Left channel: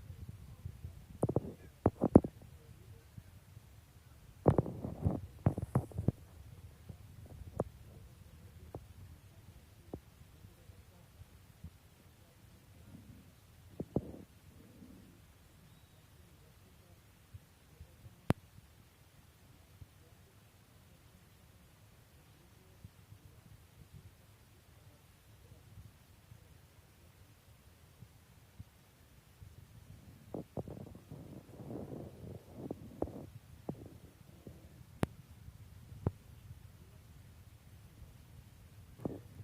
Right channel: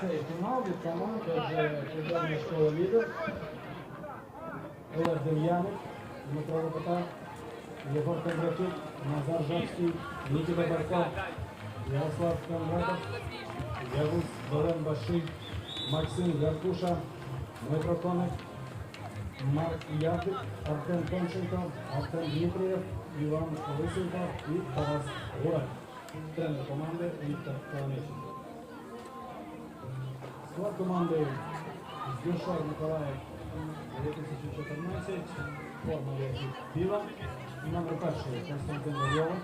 цей фінал від команди вже школа лідер. Олег Дем'янов, Дмитро Лопата, Єгор Кондратюк, Назар Жабський, Нікіта Барко, Ярослав Кондратов, Явус Долен Баший, Максим Гаркуша, Дмитро Коник, Марк Явдик, Артем Томченко, Артем Дмитрієв, Іван Лисенко і Тарас Гурак. Тренер команди Віктор Каланиченко. Склад команди Здюшар Миколаїв 2014, форма біла, номер перший Константин Вальова,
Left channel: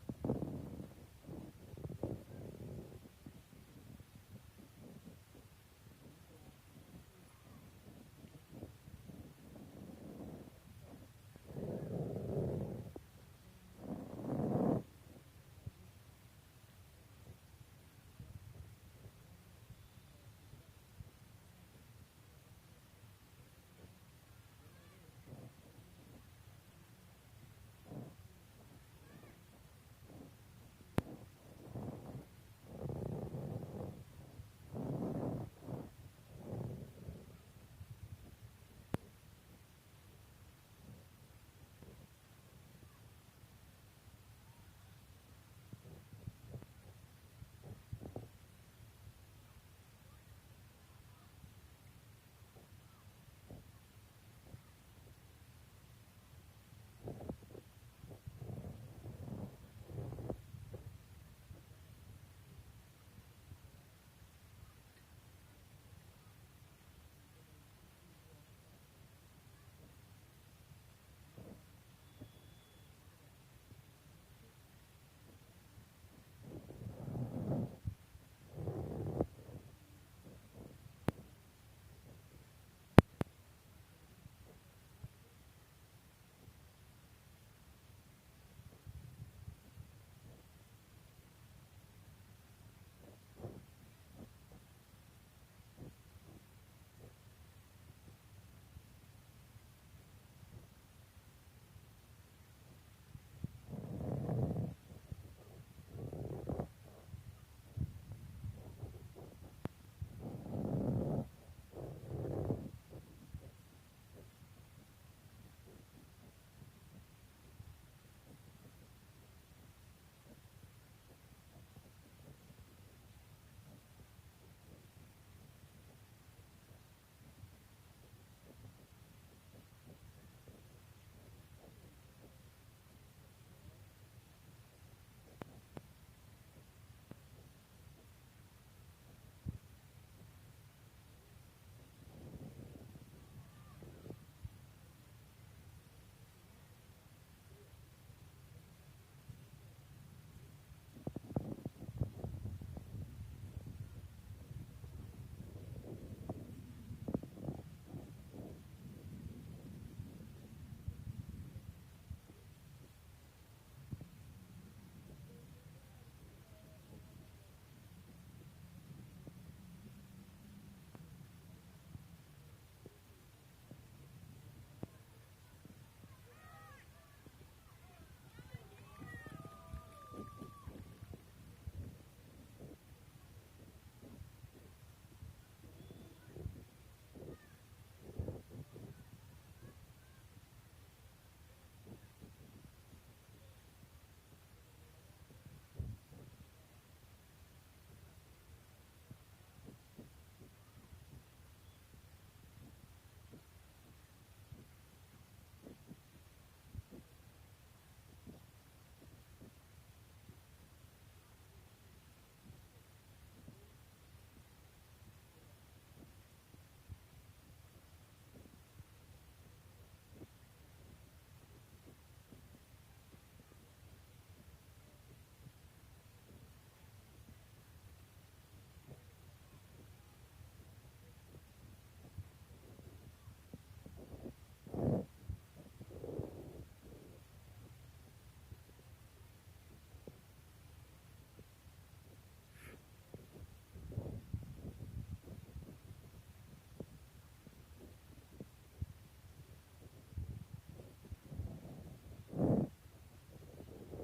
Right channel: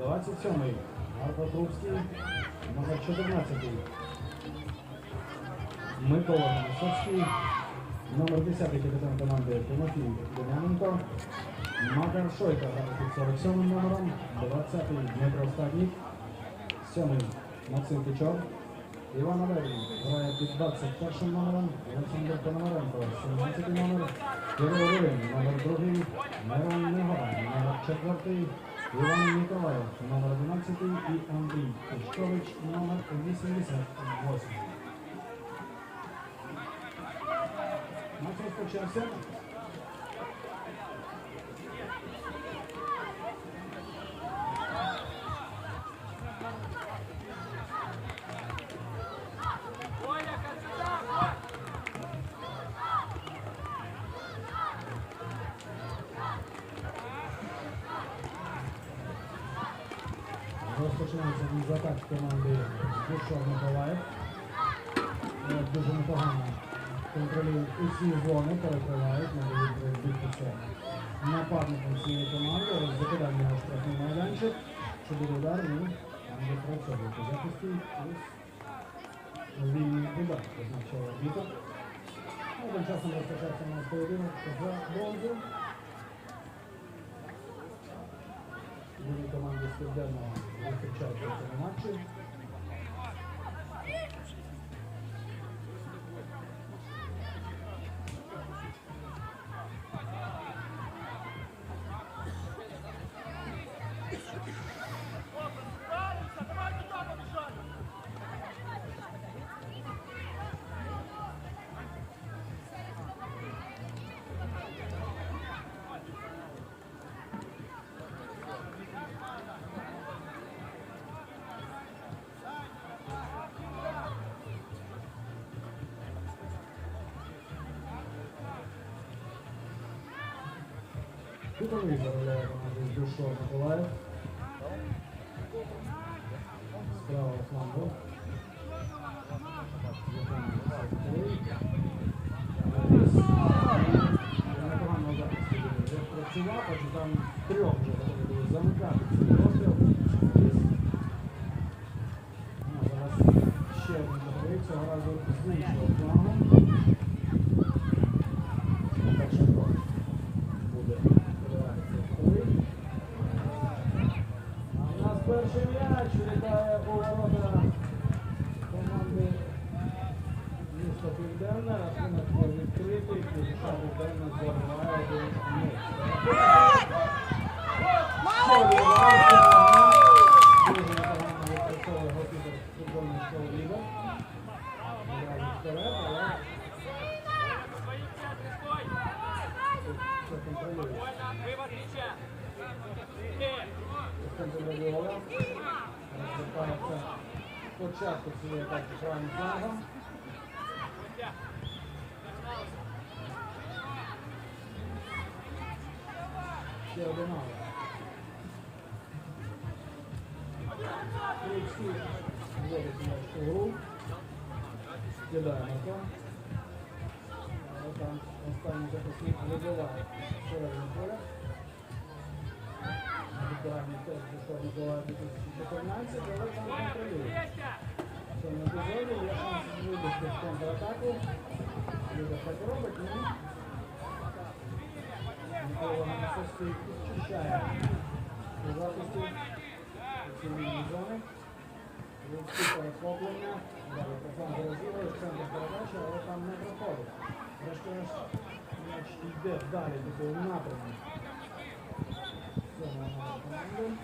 27-й Марко Трубський, номер 14-й Микола Висоцький, номер 10 капітан команди Тимофій Дем'яненко, Макар Шойка під 47 номером, 20-й Дмитро Стаднік, 7-й Максим Кичор, Іван Аверін грає під 21 номером, Олександр Пономаренко, 17 номер, Кирило Рилин, номер 2, Мирон Негова, номер 4, Іван Ніколаєв, номер 11 і Андрій Пешкович, номер 88. Матч розпочався. Розпочинається від атаки команди Душов Миколаїв. Е, Дуже непогано контролюють усі зони, перекривають, надають відбитися нападникам цієї команди. Закидання на штрафний майданчик. Що буде удар, ну, там працьовують у захисті. Вільний удар позначає біток. Ну, Тим часом розпочався у нас поєдинок за бронзу. Команди з Південного зустрічаються в матчі. Кутовий заробляє команди з Душов Миколаїв. Справа флангу. Непогано захисті вже працював, адже там трьох вже готові були замикати цей розстріл. Ну, Зараз ще один договір, цього разу з іншого флангу. Перший крок буде передаватися коли. А у нас перший м'яч літає у ворота команди міста Південне. Рахунок був відкритий. Кузьша Південне забиває один нуль. Дуже непогано відпрацьовує голкіпер футбольної школи «Ліга». Одразу вперед, але все контролює. Контролювала. Розвертається спочатку цієї атаки правим флангом. Ще один аут. Крицький вводить м'яч у гру. Скидає Марко. Але там останній захисник вибиває середню поля. Ветерані теж пішов Миколаїв 2014, але там контролює. В цьому епізоді є шанс вибити в контратаку. Люда так робить, ну. Микола Висоцький підчищає у захисті ці лінії зони. Людські перехоплення. Далі профан розігрує, центр передачі, але там не проходить. Врешті-решт м'яч йде далі до того напрямку. Це на команду.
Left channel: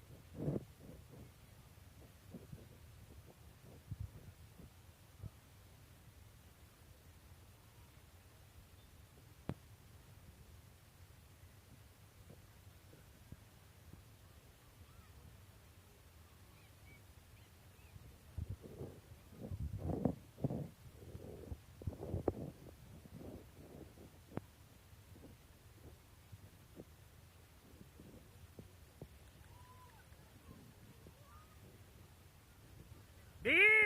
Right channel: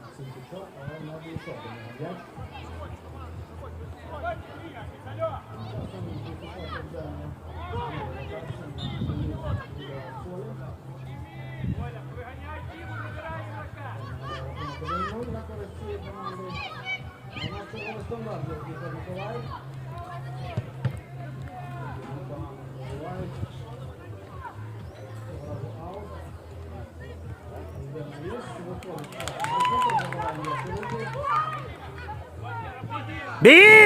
Максим Петро, але не дійшов до м'яч. Beer!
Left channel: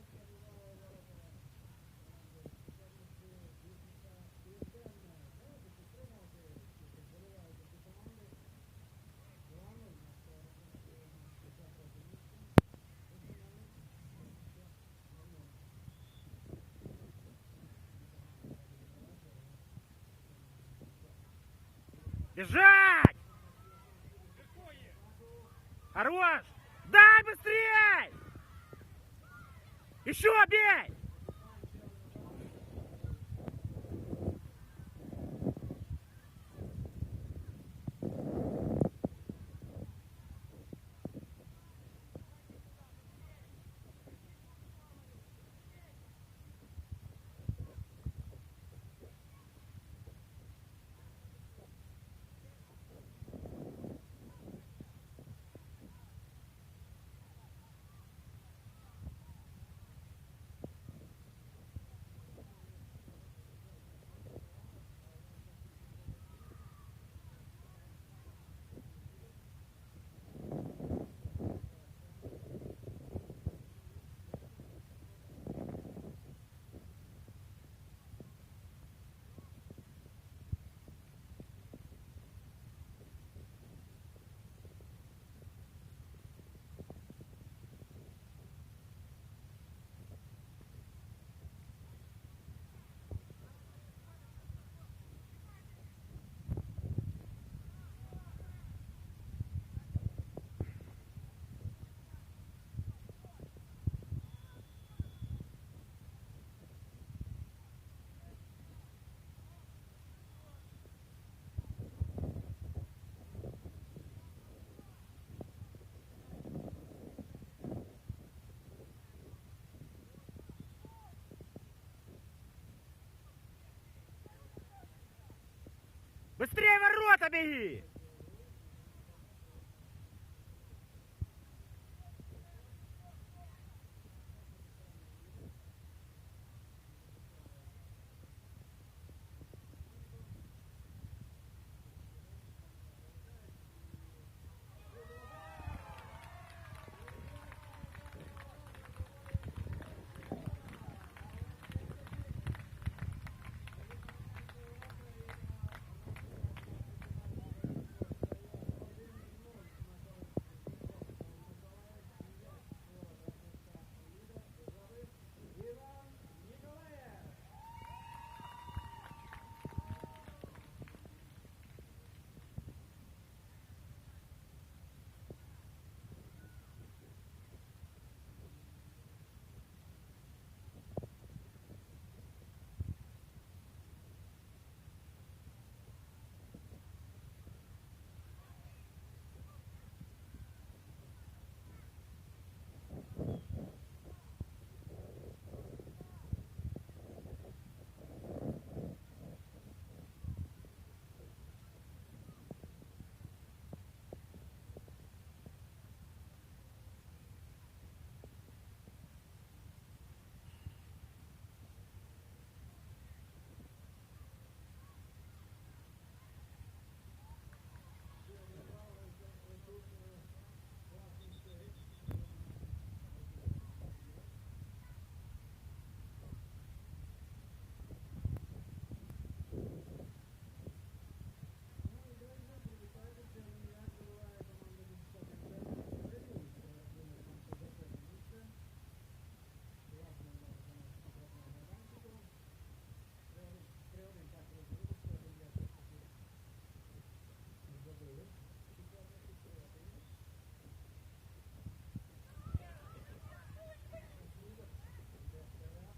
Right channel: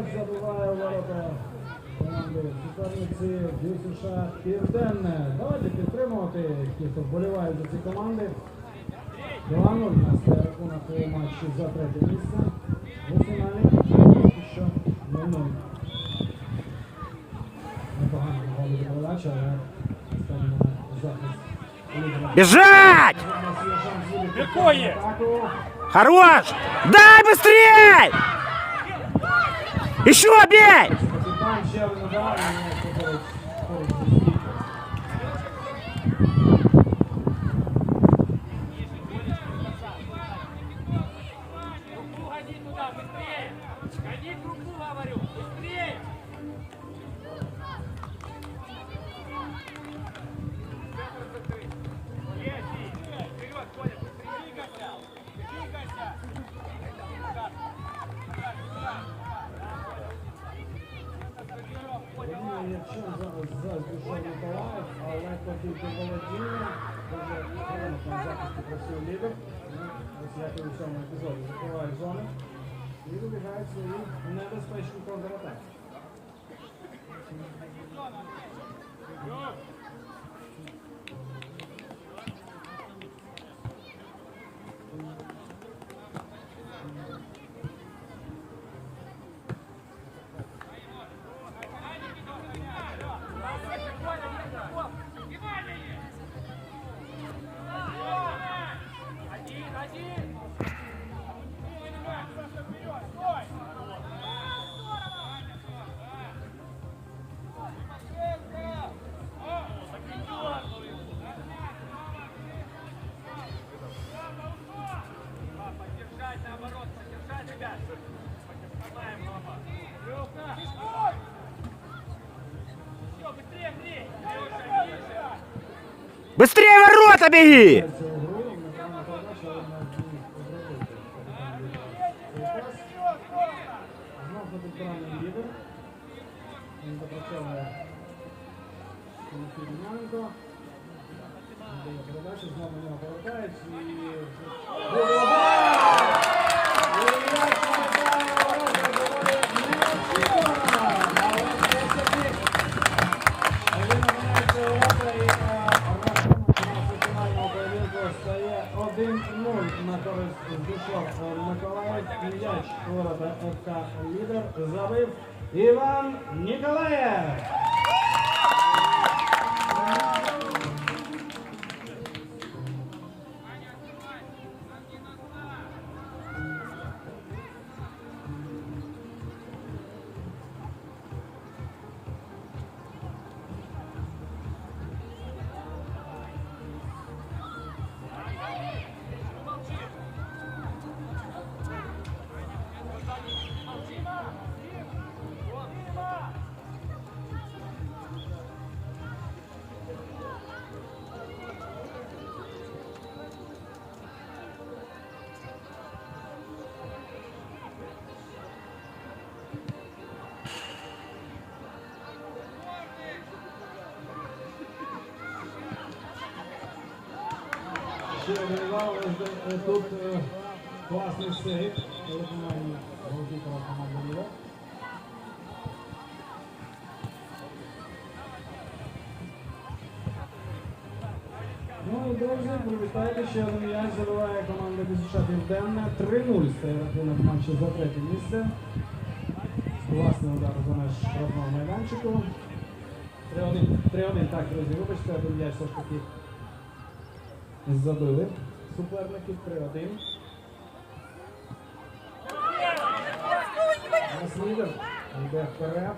М'яч забуває ворота команди суперниці США Південне. Давайте підтримувати, ті, хто вболіває за ці команди. 2-0 у рахунок у матчі за третє місце. У ще 0-0. Непогано голова передача, але останній захист. Бежать! Якої? Хорош! Дай быстрее! Еще бей! Быстрее ворота беги! Передача знову. હવે વિમાન Один е, тут е, класний сейф. у виконанні голкіпера. Ну і друзі, привітайте, ще один м'яч забиває команда Бізуша Південне. 3-0 стає рахунок матчу за третє місце. Власний удар за меж штрафного майданчику. 3-1, 3-1, так, друзі, вибачте, один м'яч все ж таки забили суперників 3-1. Нас лідер йде вперед.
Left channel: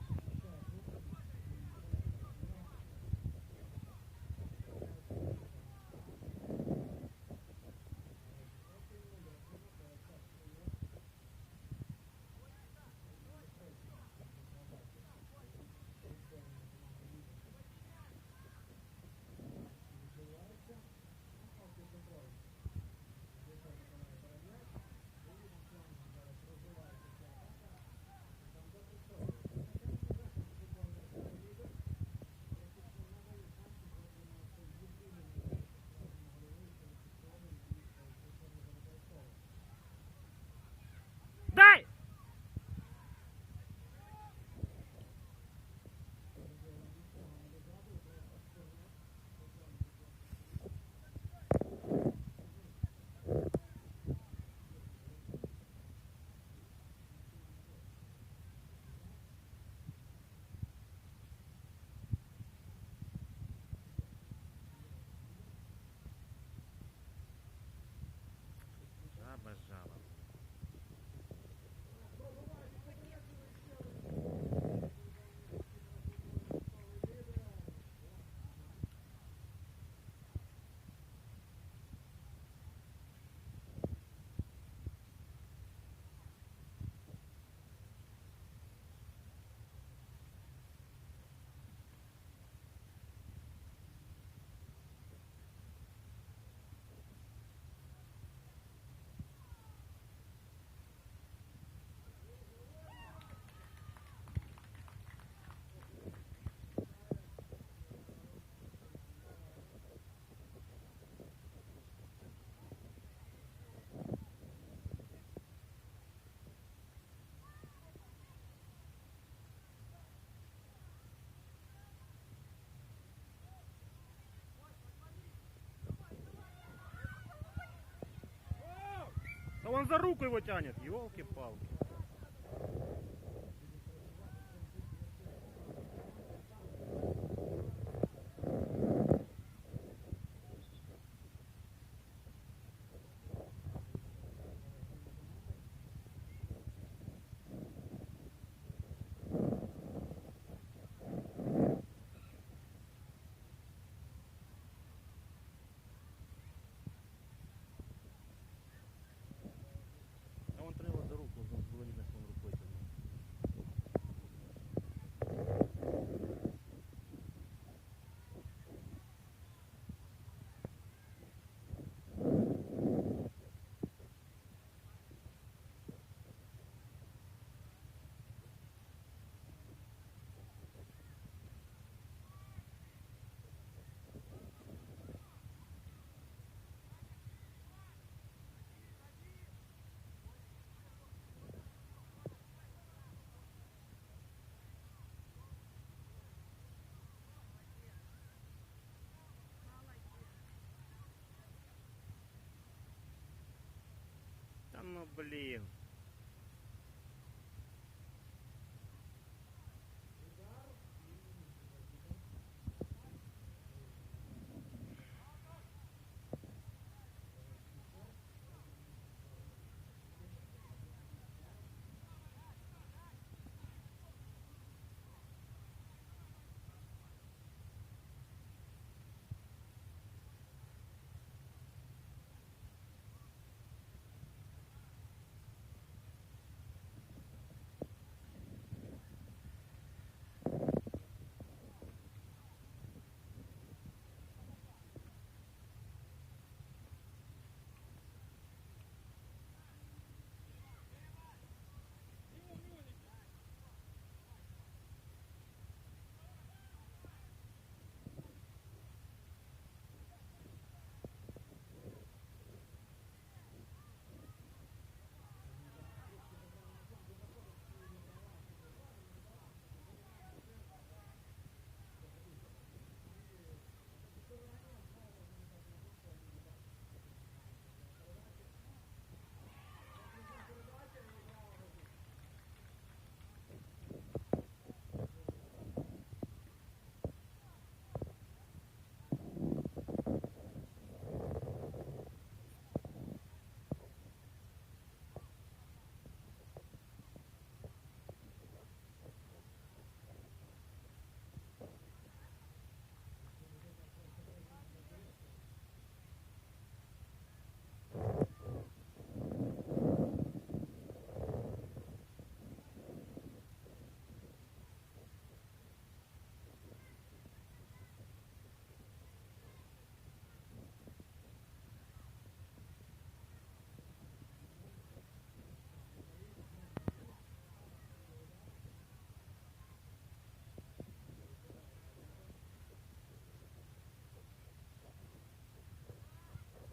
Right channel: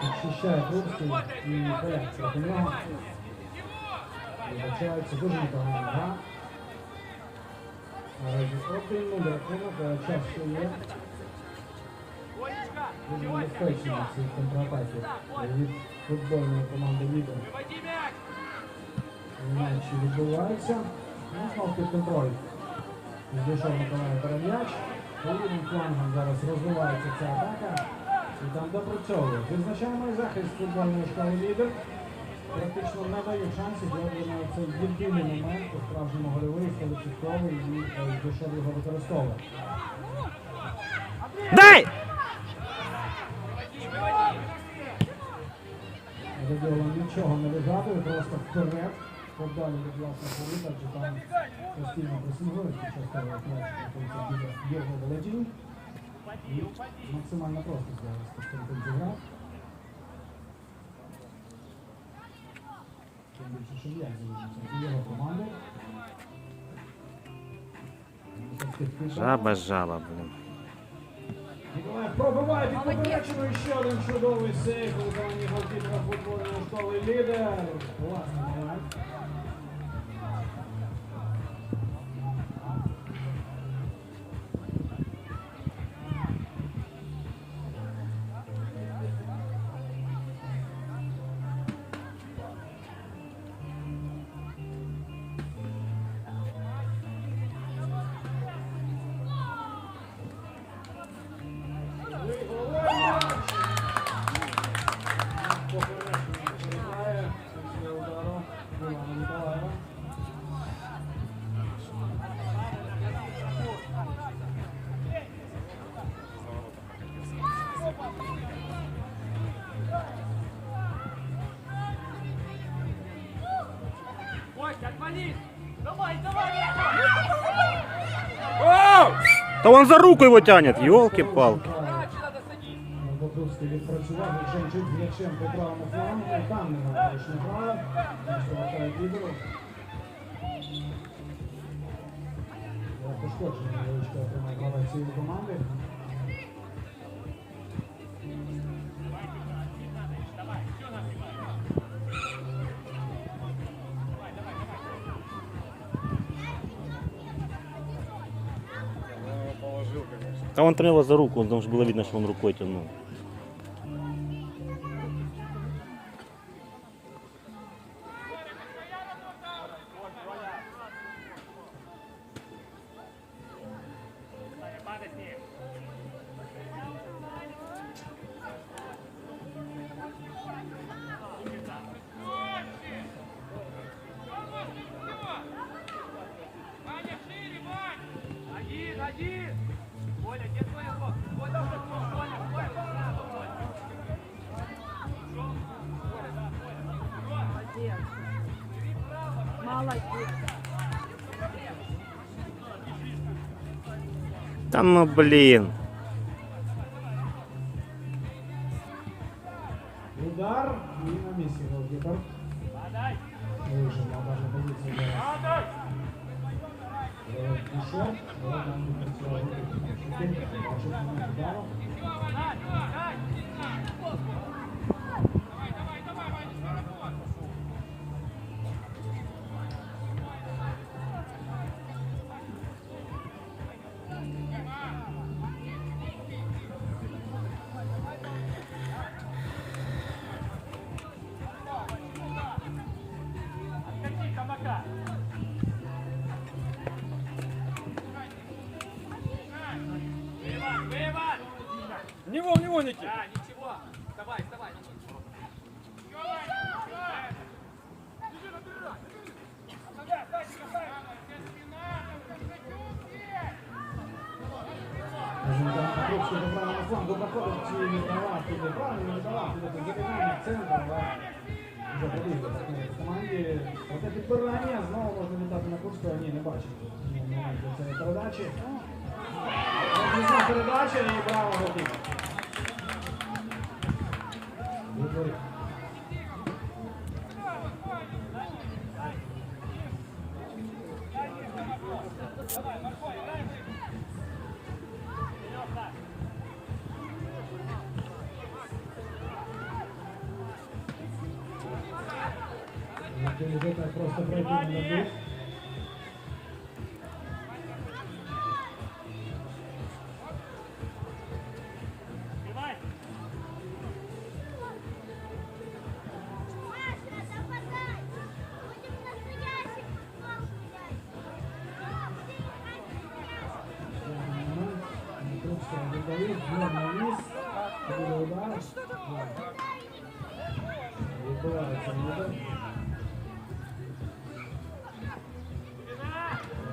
Підчищає Крупський і поляться до нього. Вибачається дуже непогана гра. Наразі 1-0 рахунок, час ще є. Дуже небезпечні ці контратаки від футбольної команди Лідер. Мяч! Матчі відбуваються. Ну, знов під контроль. Здійшов Миколаїв перем'яч. Лівим флангом зараз розвивається ця атака. І там допрацьовує. Відзначаємо і захист футбольної школи лідер. Практично не дає шансів, цей єдиний момент, по справжньому гольовий, 100% і е, Здійшов його використовує. Дай! Радіола нічого не вигадує, просто вперед. Від власного повітря, там постійно пресингують, Євго володінь. І максимально просто зараз Костянтин зіграв. Тим більше, що я залишився. Його впитав. Жаба, жаба, блін. Ніколаєв пробиває під поперечину ще один чудовий сейф виконанні голкіпера футбольної школи лідер. Класний Та он за руку его тянет, елки-палки. Садить! Бокровський відпрацював, А он тронул за руку, там что было видно, что он рукой тянул. Ну блин. Можна віддати на Курського, ні, не бачив. Ні, момент до цієї передачі. Передача і браво готів. Відбувається.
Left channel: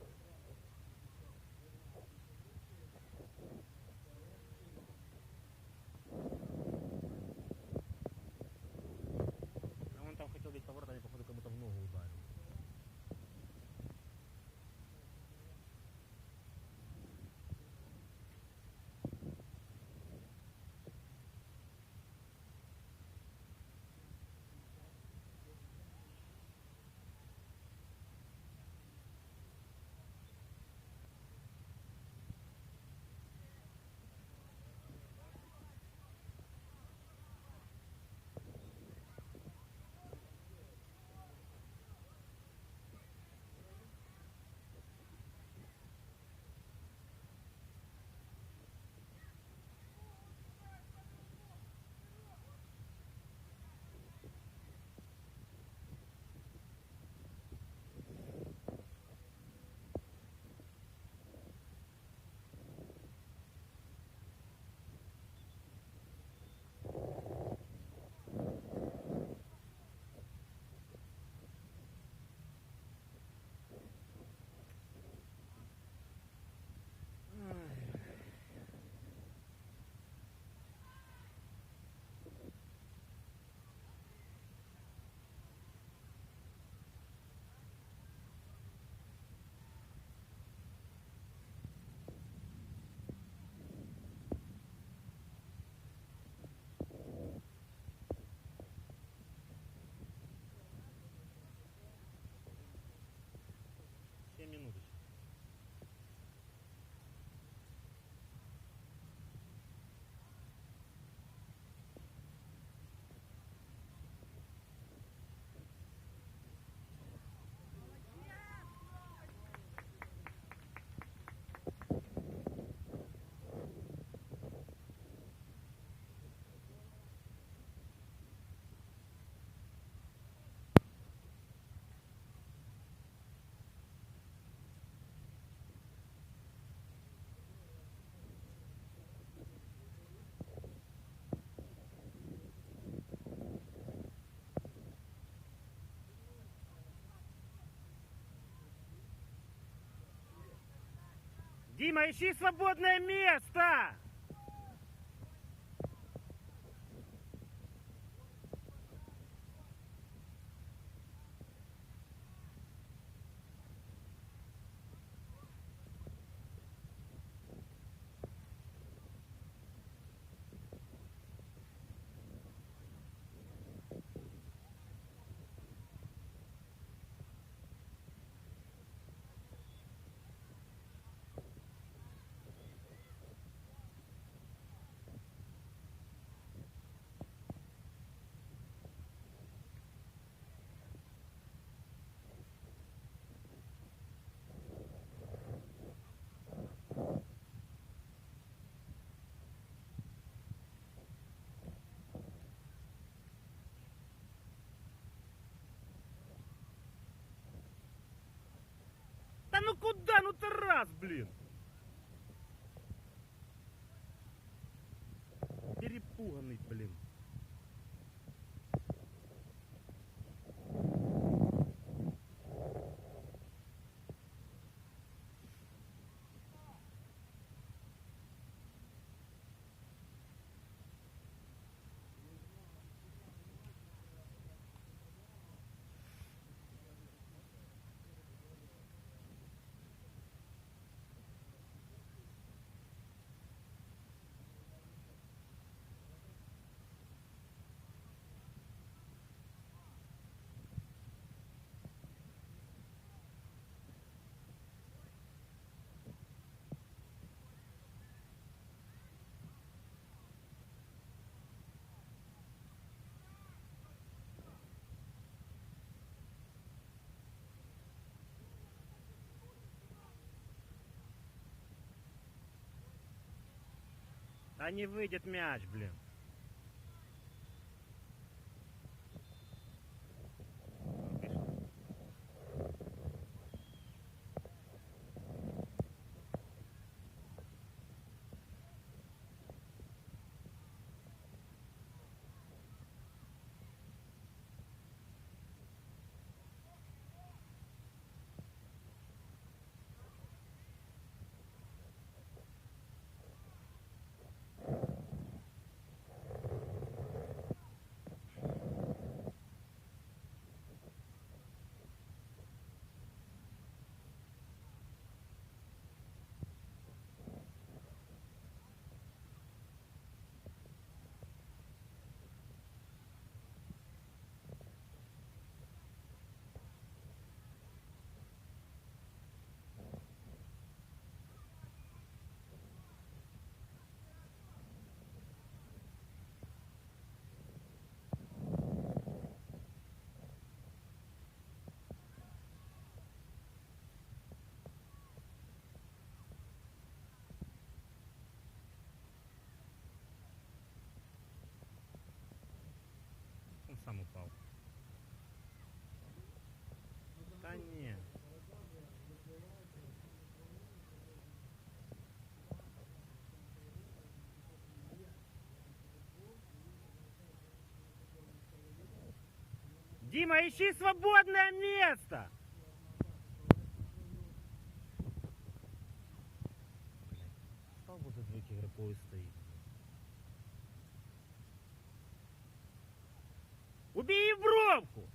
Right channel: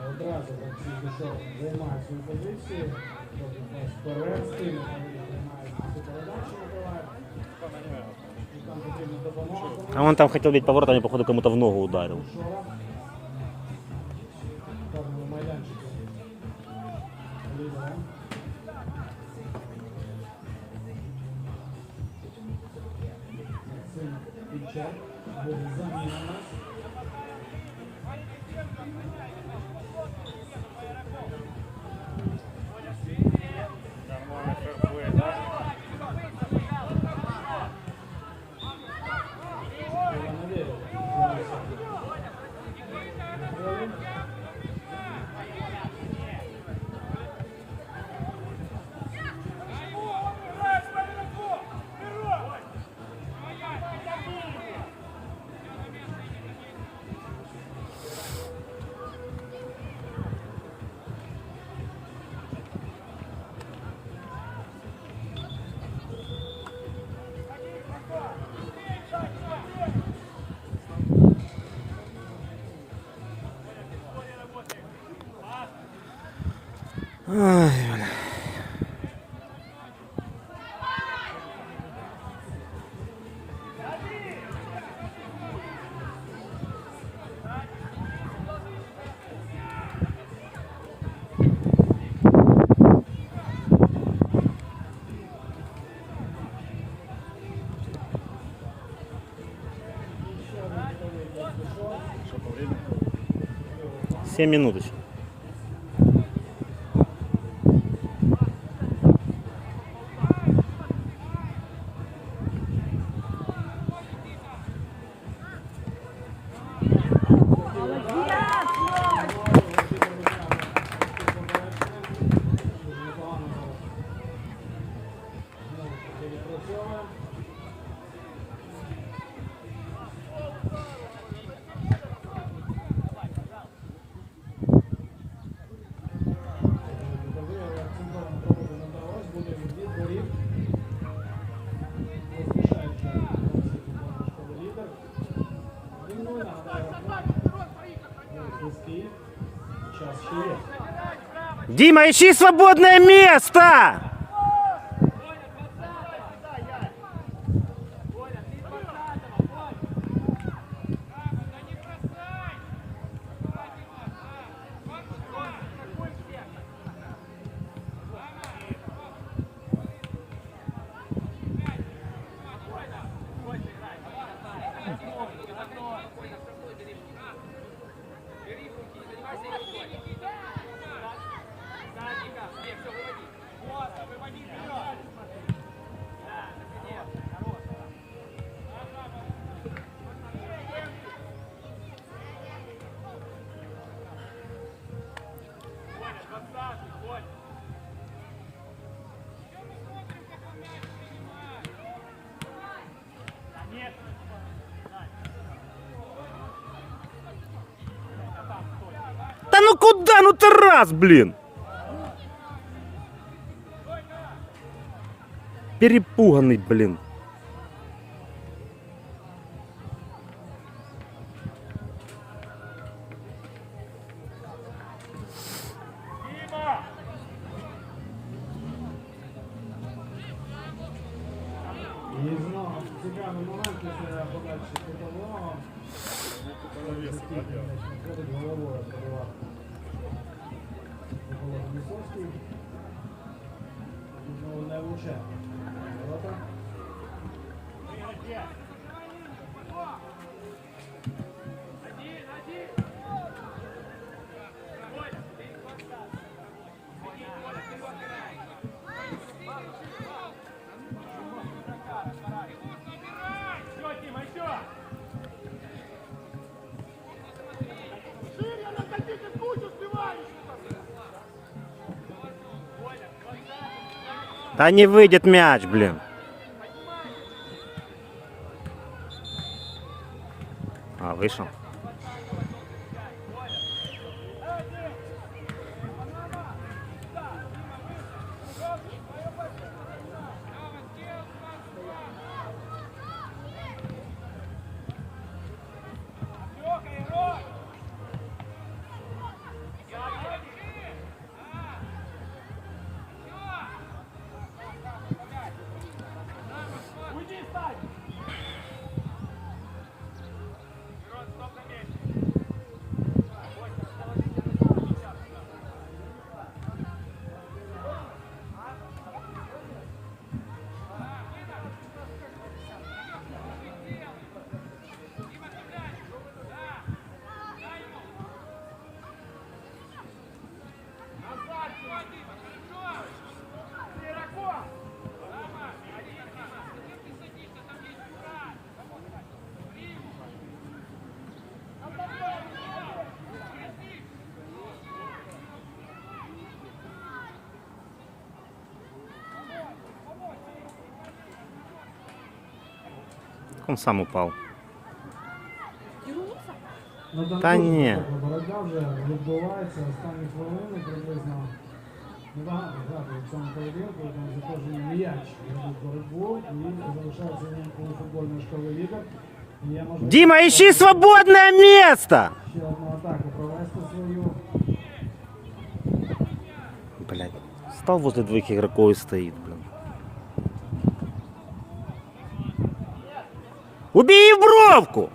Одразу так всі пішов, займає свою позицію. Тобто нас вперед, стильно займає цю передачу, набиває. Там потрібна допомога. А он там хотел бить поворот, а мне, походу, кому-то в ногу ударил. Шора. Yeah. 7 минуточек. Дима, ищи свободное место! Куда? Ну ты раз, блин! Перепуганный, блин. Не выйдет мяч, блин. Он сам упал. Ну, там Та дуже ні. висока Боротьба вже відбувається останні хвилини приблизно. Небагато грати в цьому поєдинку, тому за кожен м'яч ведуть боротьбу і залишається у футбольної школи лідер. І є можливість Дима, ищи свободное место! ще одну атаку провести свою. Блять. Стал возле двоих игроков и стоит, блин. Убей бровку!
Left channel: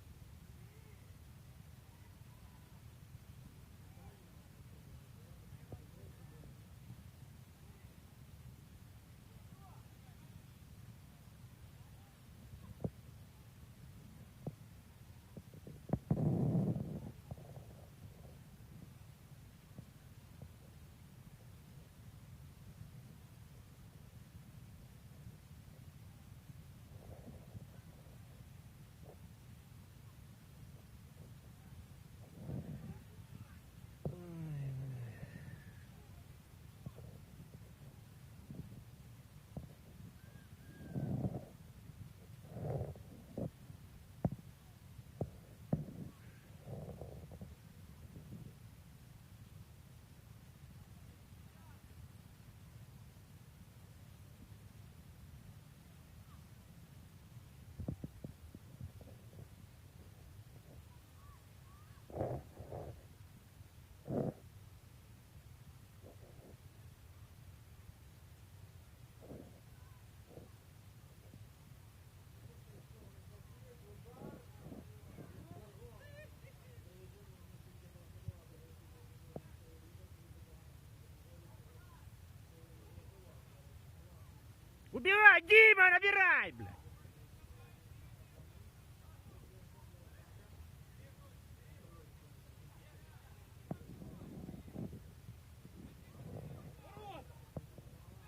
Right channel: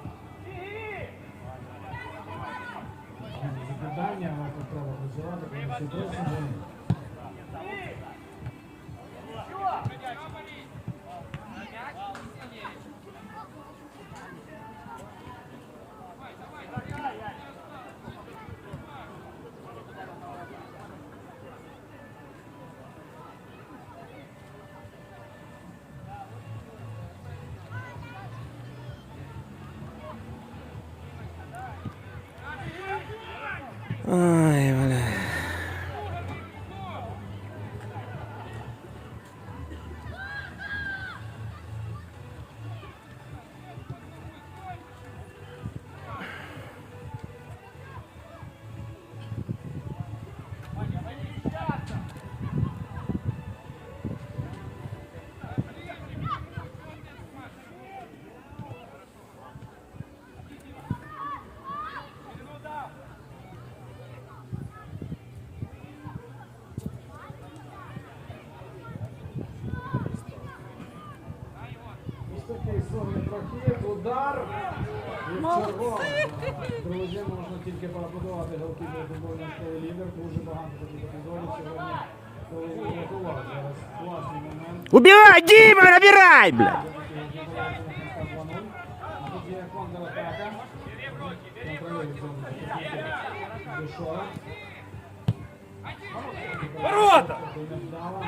І червоно. Друзі, можна тільки поаплодувати голкіпер футбольної школи лідер. Дуже багато таких епізодів сьогодні, коли він врятував. Зараз класний момент. Убивай, Дима, набирай, блядь! А тут є контратака. Контролює цьому Дешора. Ворота! Невдало.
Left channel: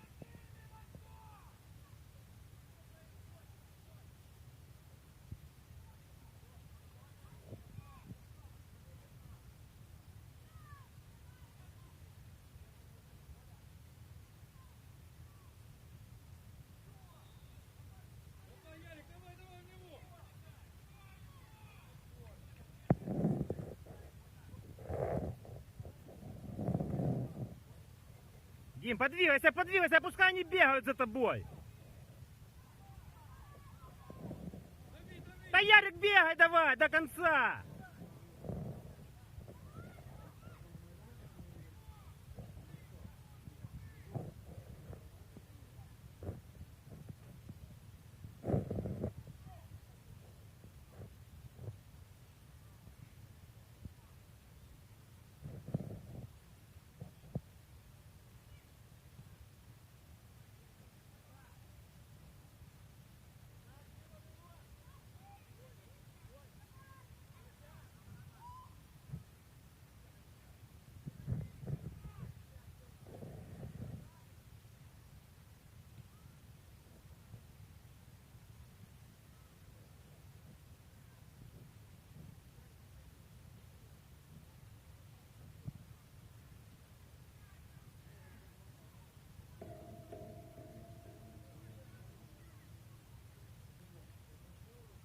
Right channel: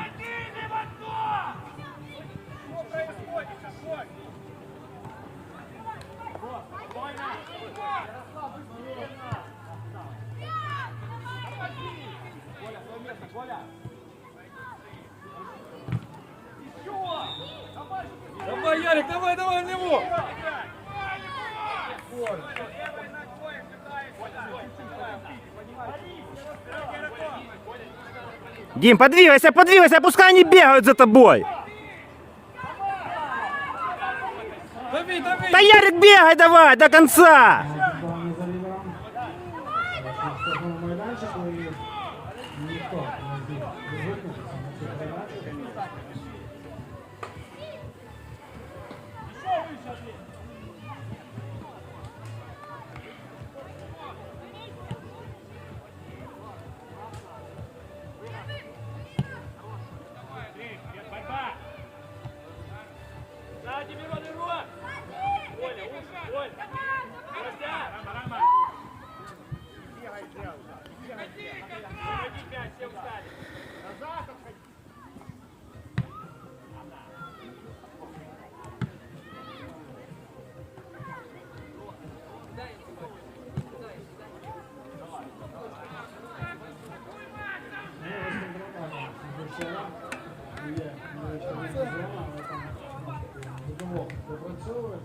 Давай, Ярик, давай, давай на него! Дим, подвигайся, подвигайся, пускай они бегают за тобой! Ярик, бегай давай до конца! Допрацьовує.